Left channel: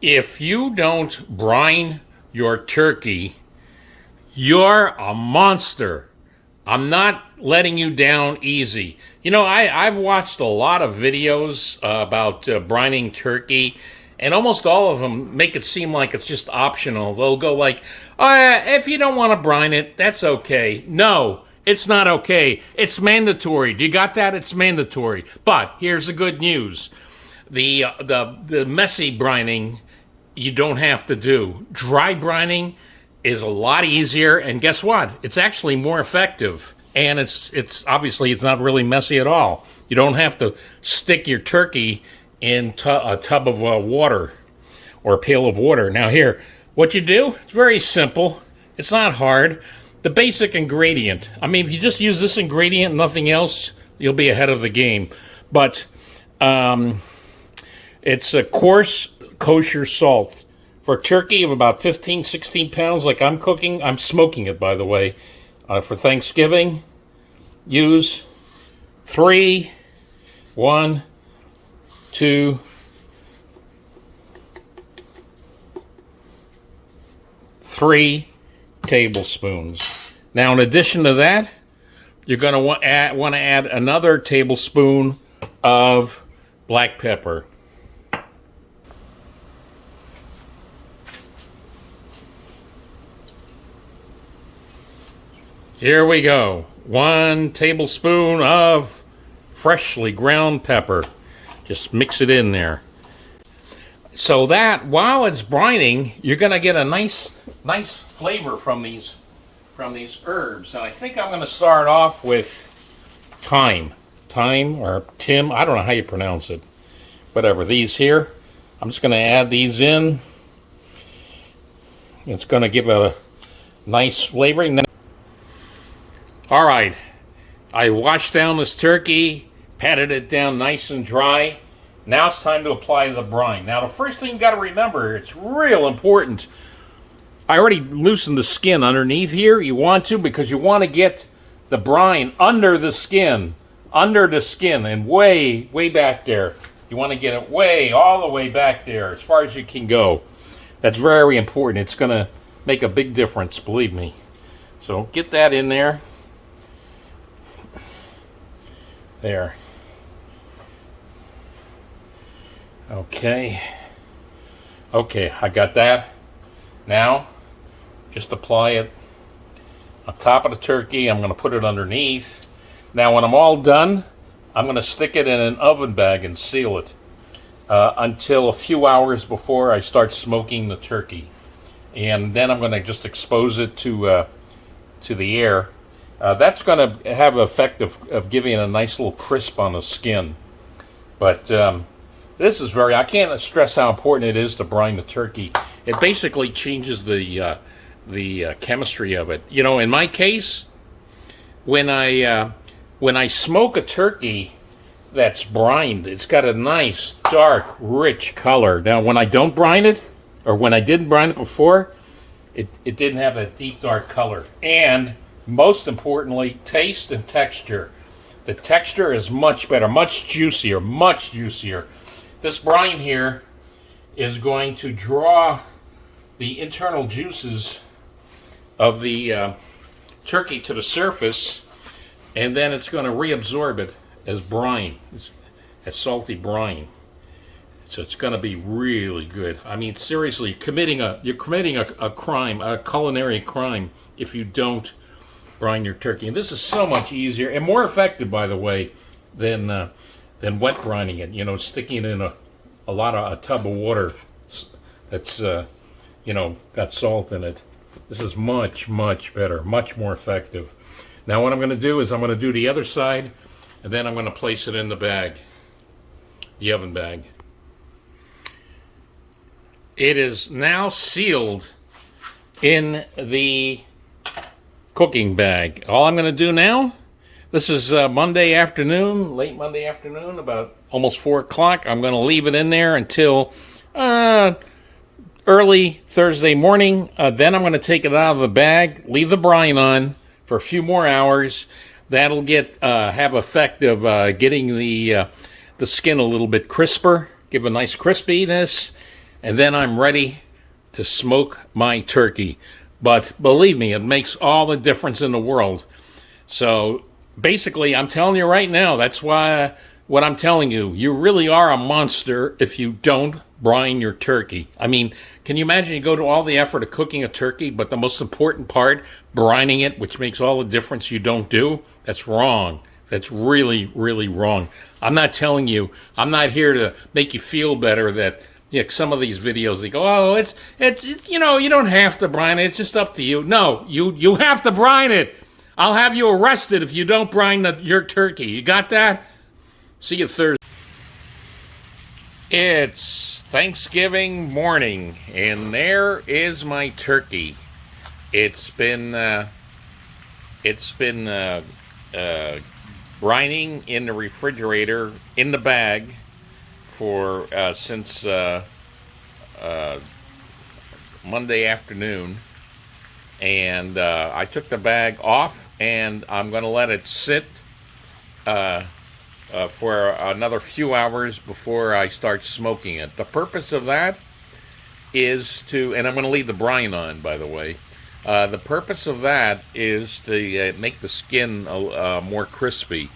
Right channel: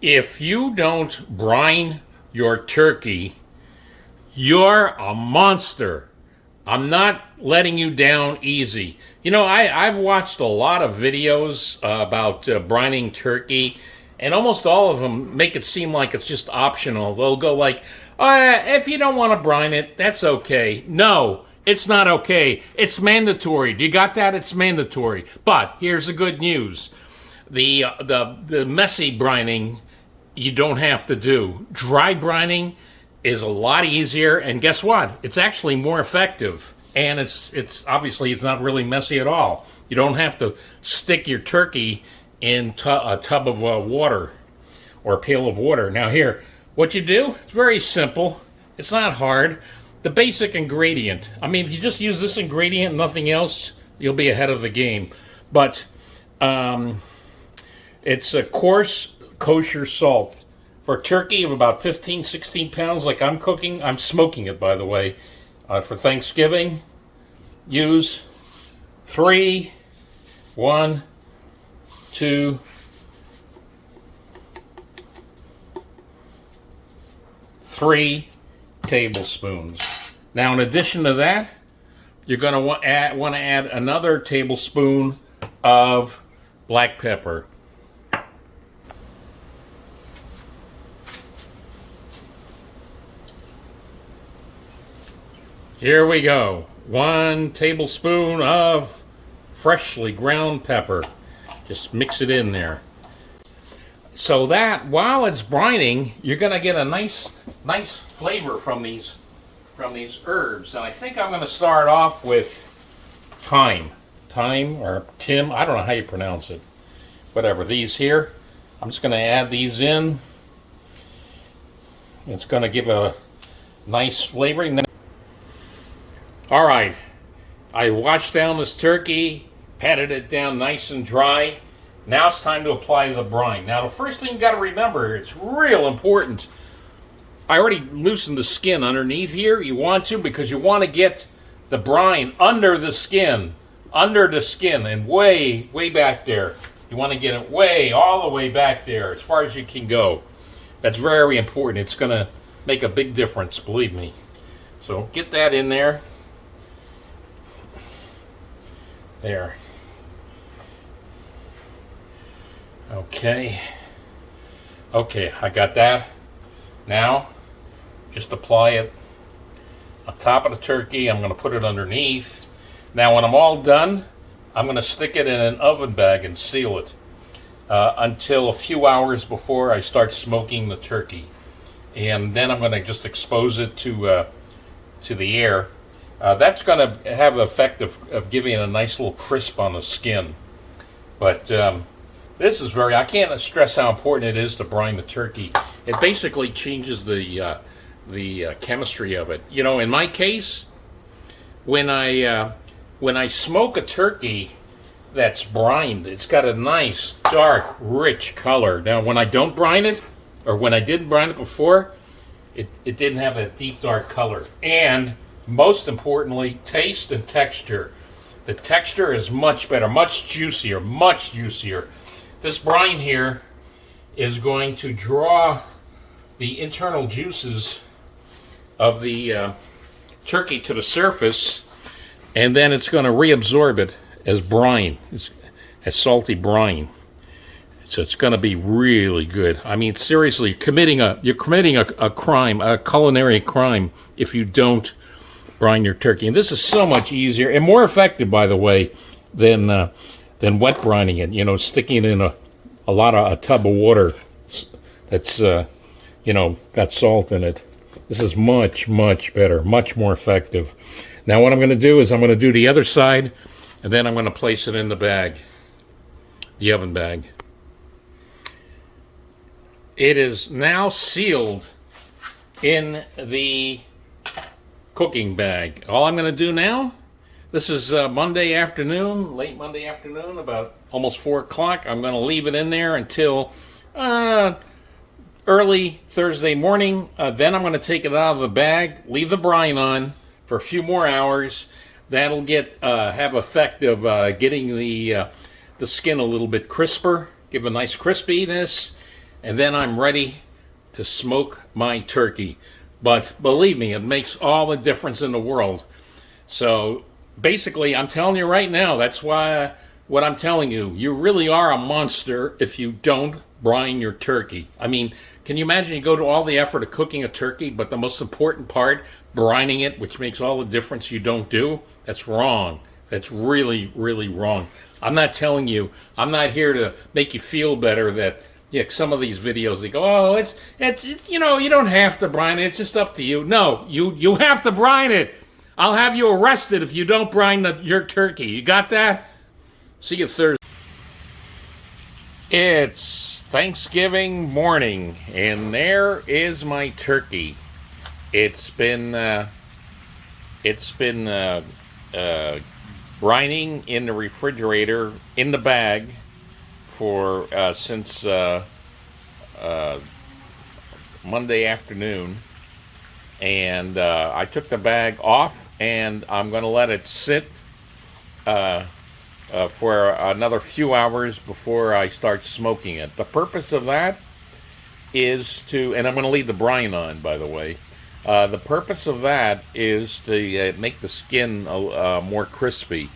If you don't brine your turkey, you're a monster. I'm not letting you down easy. You know, I've watched a lot of videos about brining turkey, and almost all of them make it seem like it's just optional. They'll go like, if you don't want to brine it, that's okay. No, it's not okay. It's mandatory. Do you got that? It's mandatory. But here's the good news. The messy brining you don't have to do. Dry brining is a lot easier, and guess what? It's actually more effective, and it's obviously it's not really messy at all. You don't have to stick your turkey in a tub of water or a pail of water. Now here, what you do, it's very simple. It's not hard. The basic ingredient. I mean, if you just use this ingredient, nothing else, you'll be ahead of the game. But it's a coarse kosher salt. For turkey of about 15, 16 pounds like I'm cooking, I'm smoking it, by the way, for Thanksgiving, use 3, 1, 2, 3 tablespoons. Now, in addition to that, you're going to want to add another tablespoon of black pepper. Here we go. 1 tablespoon of freshly ground pepper. Just mix it in there. So that while it's brining, you're going to get a nice flavor from these herbs. And I think I'm going to start off with thyme. Thyme or Tim, I don't know how you pronounce it. Whatever, these here. I'm just going to add these in. It's going to give a nice flavoring. All right, I washed down this turkey, patted it down nice and dry. Now it's time to apply the brine. Now the first thing you got to remember, it's real important. I already loosened the skin underneath here. You want to because you want to get the brine under the skin, and way back there. You want to get it all the way back there, as far as you can go. That's very important. It's going to make a big difference, believe me. So get that in there. There. Okay, I got that. Now, just apply it on top of the turkey. I'm going to put it underneath. Now, when I'm all done, I'm going to stick it in an oven bag and seal it until a few hours before I start smoking the turkey. And then I'm going to just expose it to the air. That's going to have the effect of giving it a nice little crisp on the skin. But this is I can't stress how important it is to brine the turkey. It basically changes the chemistry of it. You know, in my case, when I smoke a turkey that's brined, it's got a nice, dark, rich color. Now, when I don't brine it, or when I didn't brine it before, it didn't have that deep, dark color. And most importantly, taste and texture. The texture is much better, much juicier. This brine here is going to draw the internal juices of the turkey to the surface, and then it's going to reabsorb it as brine, as salty brine. So it's going to be really good. I mean, seriously, you're committing a crime, a culinary crime, if you don't brine your turkey. And this is so much easier and more effective, by the way, than wet brining it. You know, sticking it in a tub of water that's got salt in it. This is much better, much more effective. Now what I'm going to do is I'm going to do the other side, and then I'm going to place it in the bag, the oven bag. It is now sealed in the cooking bag. All I'm going to do now, this is Monday afternoon, late Monday afternoon, about almost 4 o'clock. I'm going to leave it in there until early Thursday morning. Then I'm going to take it out of the bag, leave the brine on for a few more hours. That'll have effect of getting the skin a little bit crisper, give a nice crispiness. and then I'm ready to smoke my turkey. But believe me, it makes all the difference in the world. So basically, I'm telling you right now, that's why what I'm telling you, you really are a monster if you don't brine your turkey. I mean, can you imagine you go to all the effort of cooking a turkey, but the most important part, brining it, which makes all the difference, you don't do? That's wrong. That's really, really wrong. I'm not telling you, I'm not here to make you feel better that, yeah, some of these videos, they go, oh, it's you know, you don't have to brine it, it's just up to you. No, you have to brine it. I'll have you arrested if you don't brine your turkey. You got that? See you Thursday. It's Thanksgiving morning, and there is my turkey. It's been brining in the refrigerator in the bag for since Monday afternoon. And I took the bag off, and I'm going to let it sit for another few hours before I start smoking it. The purpose of that is to, and I'm going to leave the brine on, by the way. The purpose of that is to make the skin more crispy.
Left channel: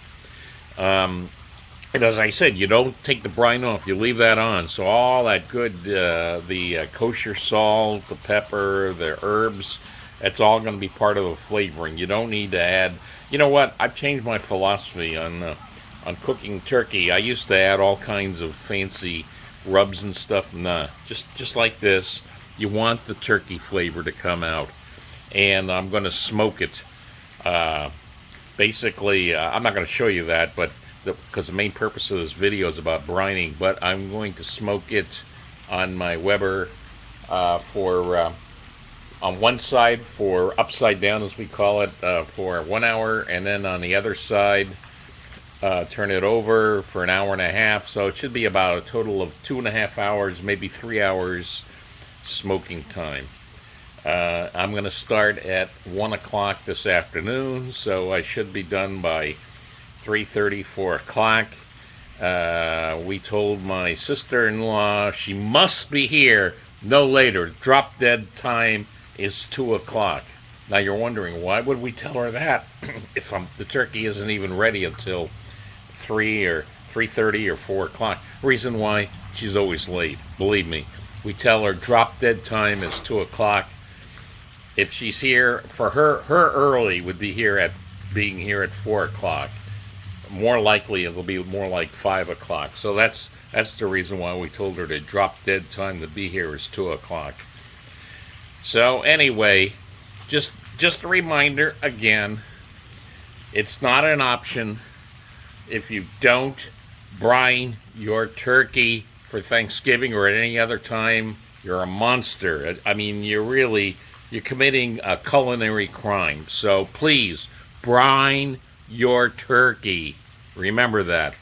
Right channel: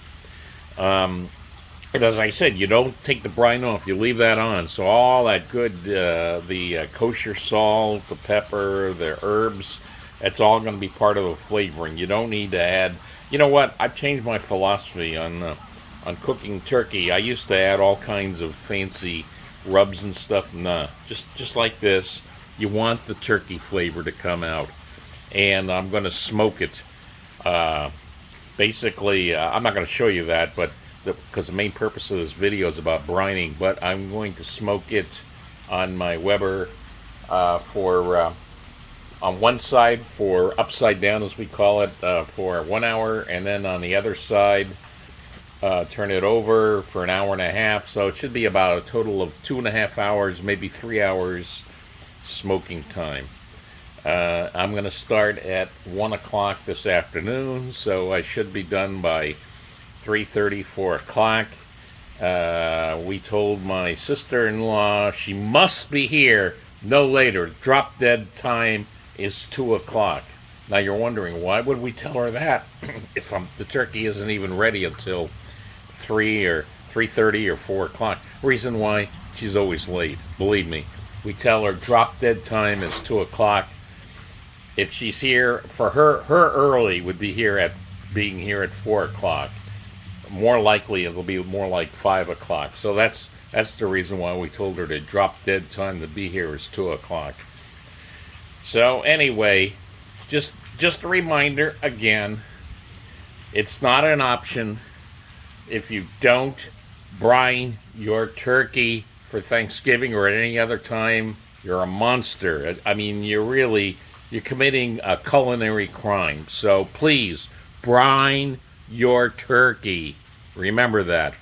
And as I said, you don't take the brine off, you leave that on. So all that good, the kosher salt, the pepper, the herbs, that's all going to be part of the flavoring. You don't need to add, you know what, I've changed my philosophy on cooking turkey. I used to add all kinds of fancy rubs and stuff. Nah, just like this. You want the turkey flavor to come out. And I'm going to smoke it. Basically, I'm not going to show you that, but because the main purpose of this video is about brining, but I'm going to smoke it on my Weber on one side for upside down, as we call it, for 1 hour, and then on the other side, turn it over for an hour and a half. So it should be about a total of 2.5 hours, maybe 3 hours smoking time. I'm going to start at 1 o'clock this afternoon, so I should be done by 3:30, 4 o'clock. We told my sister-in-law she must be here no later. Drop dead time is 2 o'clock. Now you're wondering, why would we tell her that if the turkey isn't even ready until 3 or 3:30 or 4 o'clock? Reason why, she's always late. Believe me. We tell her drop dead time is 2 o'clock. If she's here, for her early would be being here at 4 o'clock. More likely, it'll be more like 5 o'clock. So that's the reason why we told her to drop dead time to be here is 2 o'clock. So anyway, just a reminder again, it's not an option. If you don't brine your turkey for Thanksgiving or at any other time, you're a monster. I mean, you're committing a culinary crime. So please, brine your turkey. Remember that.